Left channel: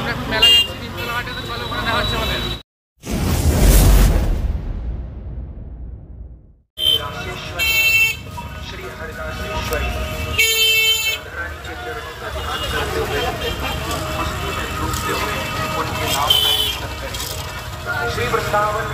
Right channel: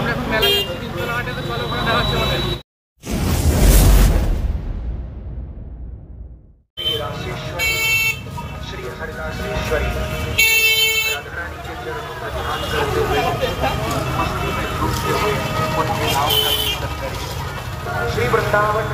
আমরা এখন মেলায় যাচ্ছি তিনতলা হাটেতে, চলো ওখানে মেলা হচ্ছে বলে। श्री हरिदासेश्वरी राधा रानी के चरणों का ध्यान करते हुए मस्ती में डूबते हुए उनके नाम का कीर्तन करें। श्री वृंदावन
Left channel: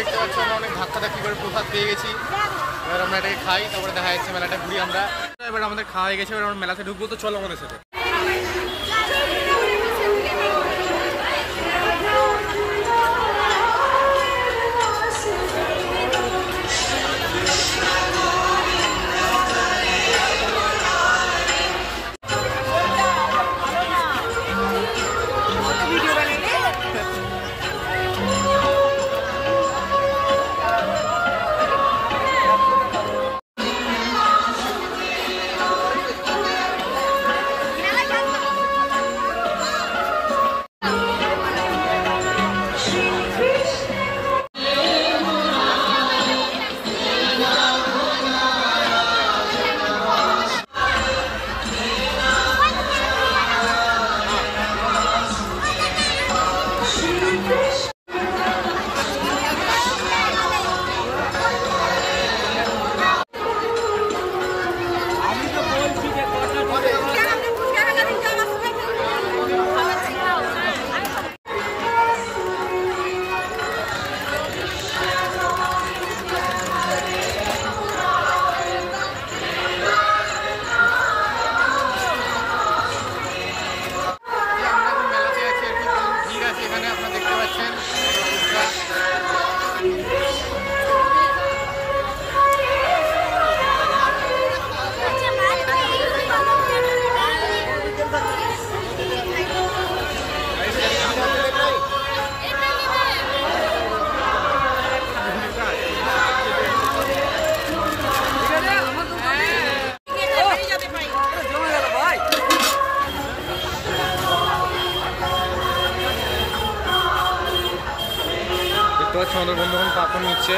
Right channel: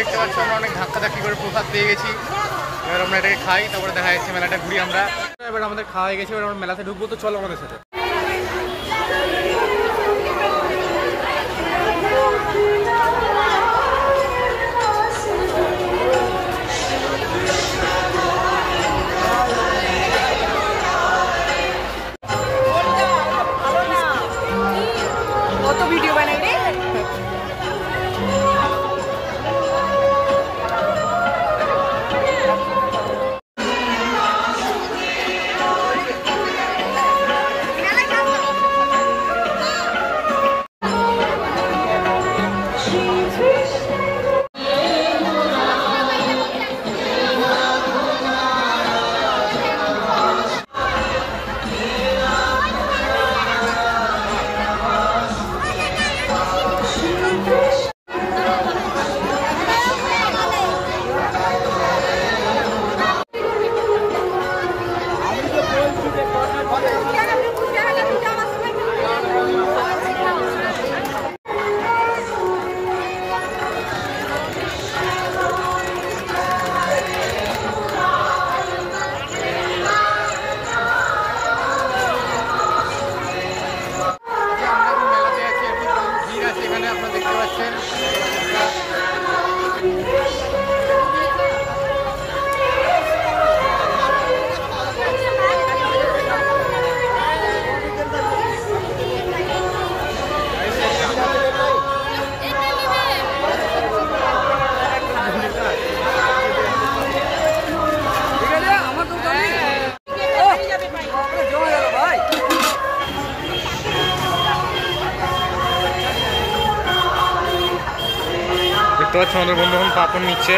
দেখতে পাচ্ছ আমরা অনেক ধাক্কাধাক্কি করে প্রসাদ পেয়ে গেছি। এবার আমরা এটাকে খাই, তারপরে দেখা যাচ্ছে মেলাটা ঘুরি আমরা। এবার আমাদের খাওয়া হয়ে গেছে, এবার আমরা মেলাতে ঢুকবো, তো চলো আমাদের সাথে। এখানে আপনারা দেখতে পাচ্ছেন দেখতে পাচ্ছ আমাদের বন্ধু এখন পাপড় নিচ্ছে।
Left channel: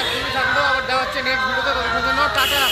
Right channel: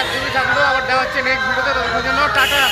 একদমই থাকলো, আবার দেওয়া হচ্ছে নেক্সট ভিডিওতে, ততক্ষণ জন্য টাটা।